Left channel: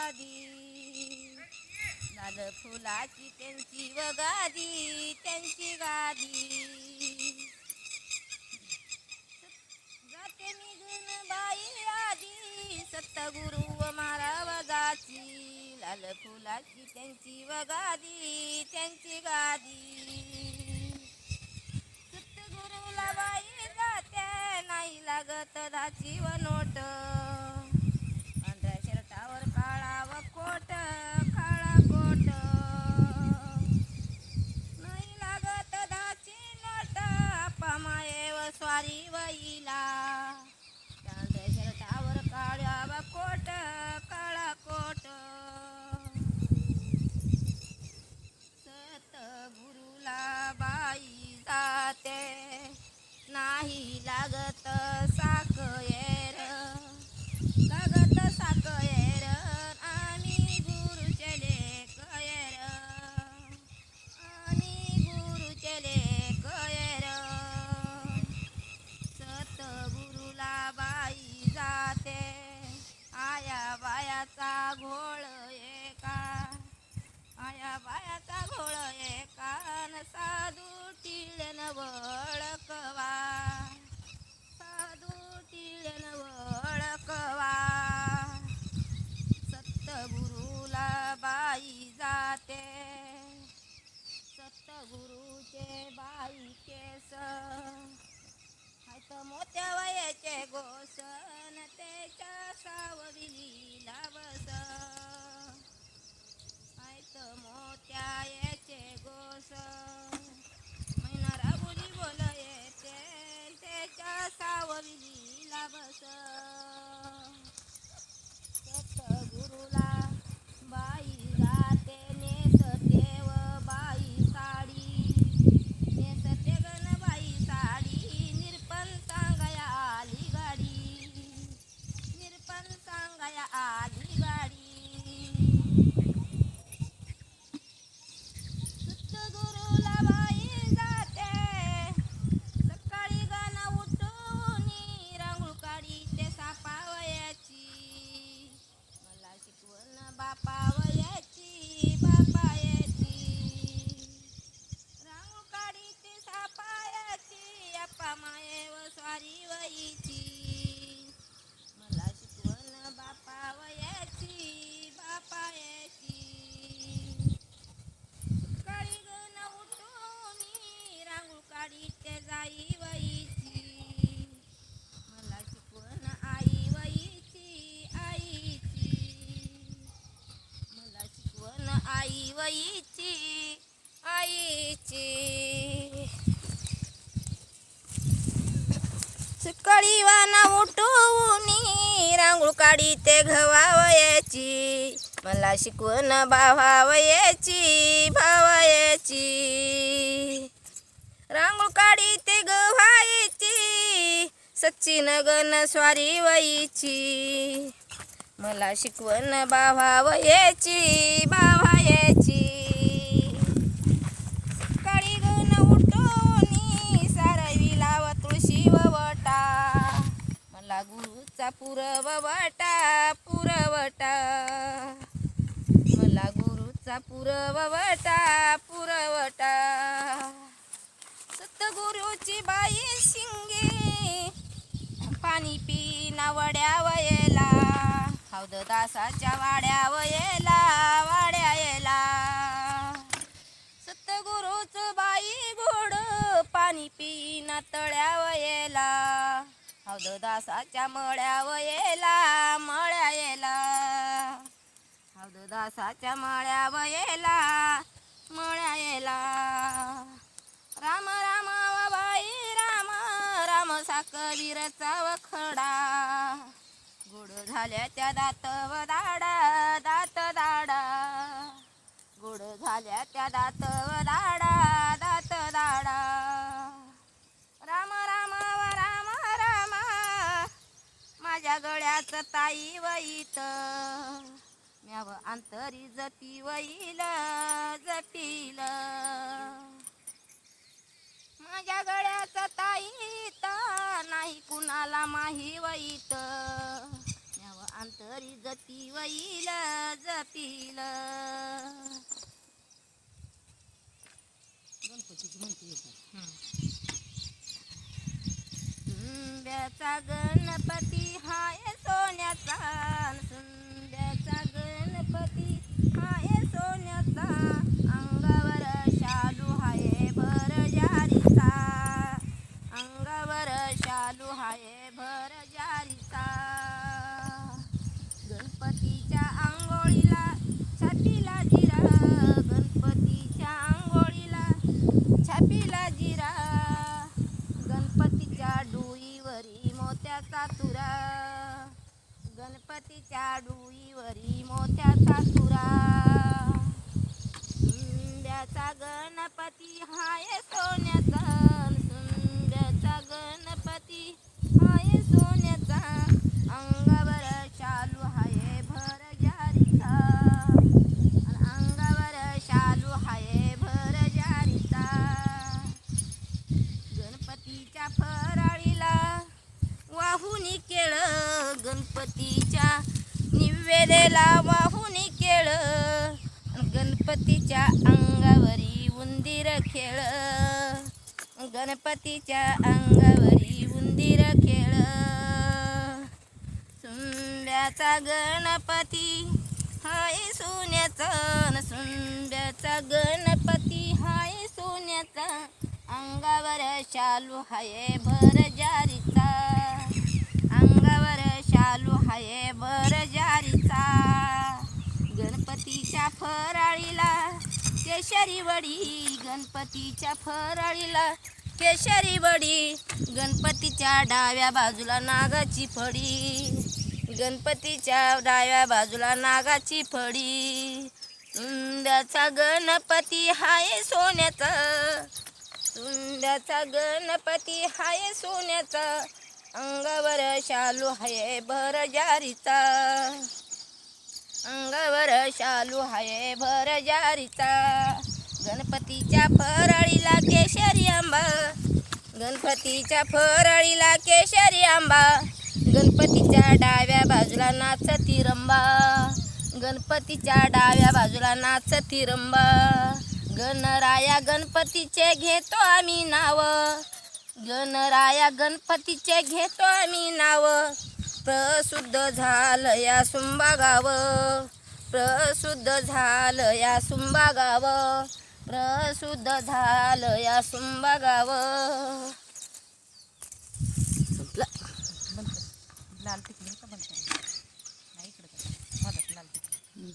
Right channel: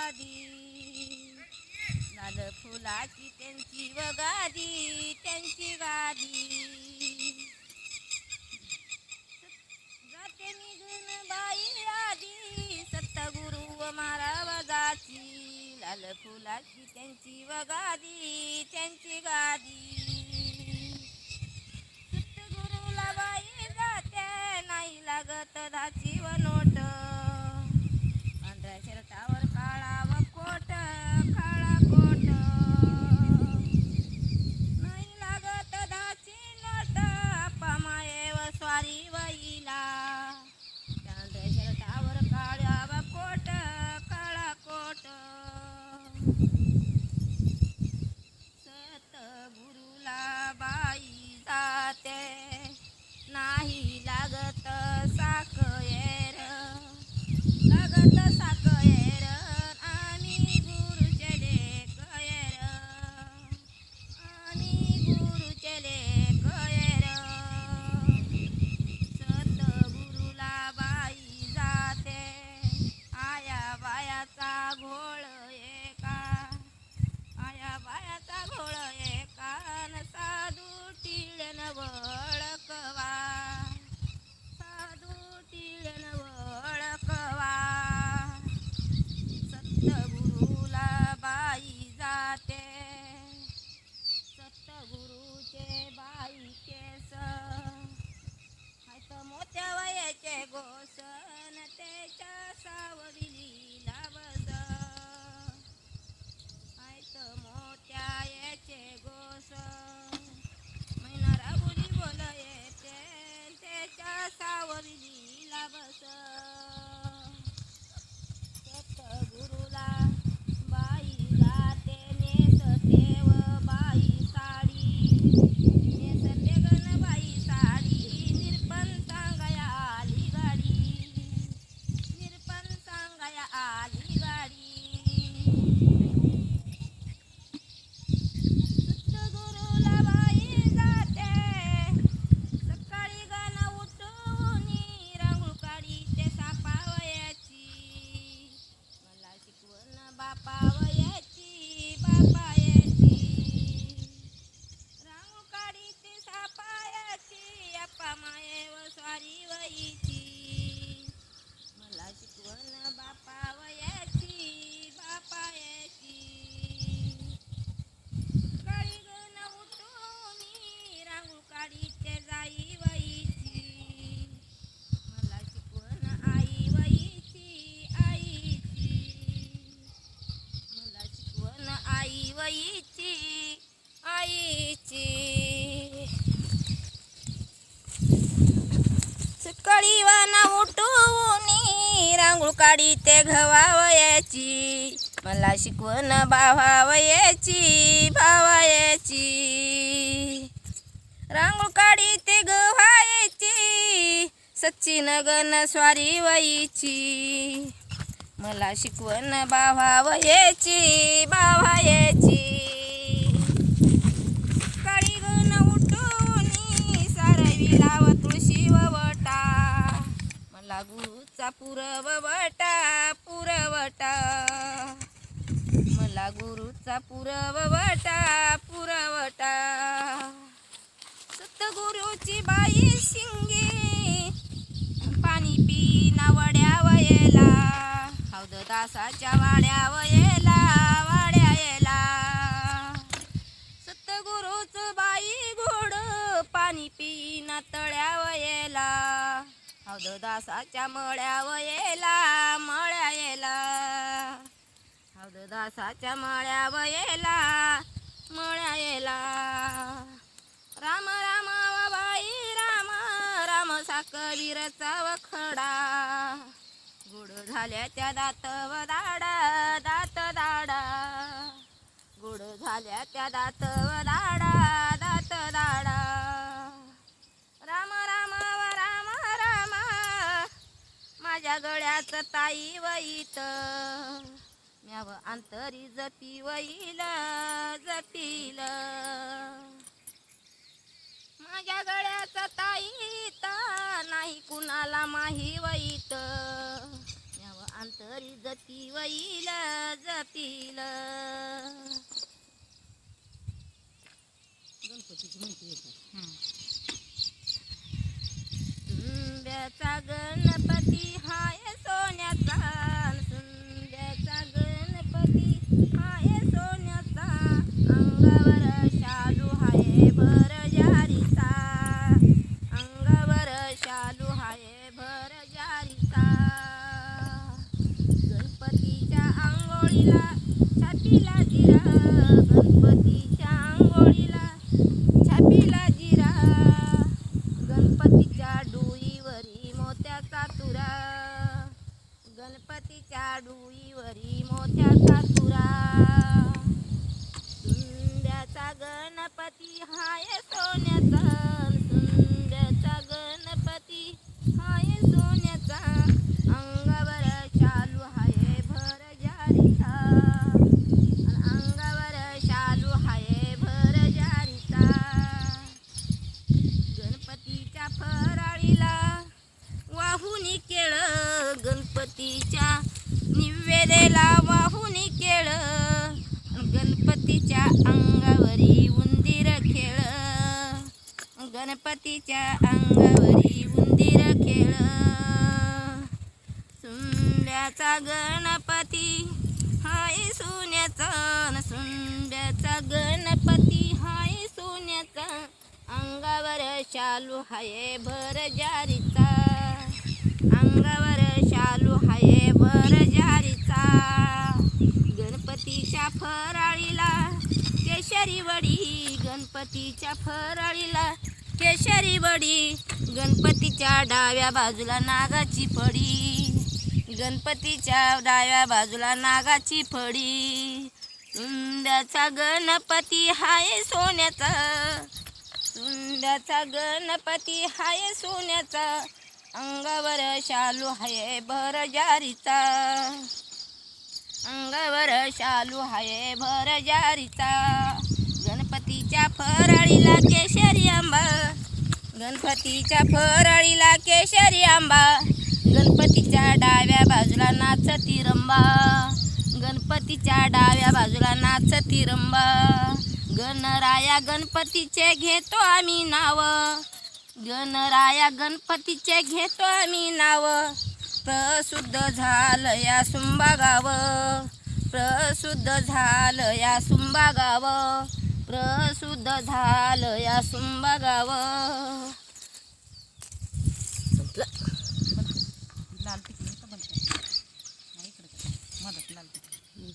गादी, लाल फुलाची त्यांची व गादी, त्यांची गादी. जाते निघून बाई आधी, सत्तगुरु व महाराजाची, लाल फुलाची त्यांची व गादी, त्यांची गादी. सत्तगुरुला बाई जाते, नाही लागत धाची व नोट, पांढऱ्या शर्टावर काळा व कोट, काळा कोट. नाही लागत धाची नोट, आप्पा माये व स्वारी वईला, पांढऱ्या शर्टावर काळा व कोट, काळा कोट. सतगुरुला बाई जाते, नाही लागत साखयर, लागत साखयर, आणि गुरुचे लेकयर, आणि गुरुचे लेकयर. सतगुरुला बाई जाते, आया बायाचा घोळ एका, आया बायाचा घोळ एका, न साधू टिळ्यान वळकवा, साधू टिळ्यान वळकवा. सत्तगुरुला बाई जाते, सत्तगुरुचे बाई केस, हायत मोत्या वयाचे गोसन, त्याच्या सावलीला बस, हायत मोत्या याचे गोस, मैना राबुली बोल येते, त्याच्या सावलीला बस. सतगुरुला बाई जाते, नेसते व बाई साडी, नेसते गण बाई साडी, निरपण सांगाया आली गाडी, निरपण सांगाया आली गाडी. सतगुरुला बाई जाते, सकाळी गण उठून रांगोळ काढीते सापावयाची, मला शिकवण बापावयाची, बापायाची. रांगोळ काढीते सापायाची, आप्पा माये व स्वारी वईची, मला शिकवण बापावयाची, बापायाची. सकाळी गण उठून रांगोळ काढीते जाई वईची, मला शिकवण आई वईची, आईची, मला शिकवण आई वईची, आईची. सकाळी वान उठून रांगोळ काढीते घवावयाची, मला शिकवण भावावयाची, भावायची. रांगोळ काढीते गव्हायची, सच्चिन गण स्वारी वईची, मला शिकवण भावावयाची, भावायची. सकाळी गण उठून सारविला व तुळशी व वटा, मला गुरुचा पुरवटा, पुरवटा, मला गुरुचा पुरवटा, पुरवटा. सतगुरुची बाई शिंगे, पाणी पिना वड्या वयला, हौद दासाच्या वाड्या वयला, वाड्या येला. सतगुरुच बाई गोड, पाणी पिना तळ्या वयला, हौद दासाच्या मळ्या वयला, मळ्या येला, हौद दासाच्या मळ्या वयला, मळ्या येला. राम राम व बाई राम, राम साकवीरचा वखडा, गोड झाल्या त्या दात व दाडा, दात दाडा, गोड झाल्या त्या दात व दाडा, दात दाडा. राम राम व राम राम, माझ्या गळ्यात ताई वईत, म्याव अंतरी जपी वईल, जपील. माझ्या गळ्याचा ताईत, नाही कुणाला माही वईत, म्याव अंतरी जती वैल जतील. गणपतीची म्हणते सुंब्याचा गणपती हाय सोन्याचा, सुंब्याचा गणपती हाय सोन्याचा, अंगावर शालू हाय भर जारीचा, अंगावर शालू हाय भर जारीचा. गणपतीच्या आंघोळीला छातीला जिरा, गणपतीच्या आंघोळीला छातीला जिरा, गणपतीच्या डोईवरी मोत्याचा तुरा, गणपतीच्या डोईवरी मोत्याचा तुरा. सुंब्याचा गणपती हाय सोन्याचा, सुंब्याचा गणपती हाय सोन्याचा, अंगावर शालू हाय भर जारीचा, अंगावर शालू हाय भर जारीचा. गणपतीच्या फराळीला वाहुनी केळ, गणपतीच्या निवेदेला वाहुनी केळ, गणपतीच्या अंगावरी उंदीर खेळ, गणपतीच्या अंगावरी उंदीर खेळ. सुंब्याचा गणपती हाय सोन्याचा, सुंब्याचा गणपती हाय सोन्याचा, अंगावर शालू हाय भर जारीचा, अंगावर शालू हाय भर जारीचा. गणपतीच्या फराळीला केशरी वडी, गणपतीच्या फराळीला केशरी वडी, गणपतीच्या डाव्या बाजूला नागाची फडी, गणपतीच्या डाव्या बाजूला नागाची फडी. सुंब्याचा गणपती हाय सोन्याचा, सुंब्याचा गणपती हाय सोन्याचा, अंगावर शालू हाय भर जारीचा, अंगावर शालू हाय भर जारीचा. गणपतीच्या फराळीला केशरी आंबा, गणपतीच्या फराळीला केशरी आंबा, गणपतीच्या डाव्या बाजूला नाचती रंबा, गणपतीच्या डाव्या बाजूला नाचती रंबा. गणराया गणपतीचे घेतो आम्ही नाव, गणराया गणपतीचे घेतो आम्ही नाव, प्रसिद्ध झालं या सुंबा गाव, प्रसिद्ध झालं या सुंबा गाव, प्रसिद्ध झालं या सुंबा गाव. लाल टिकली का बनते नाही इकडे मदत लाल टिकली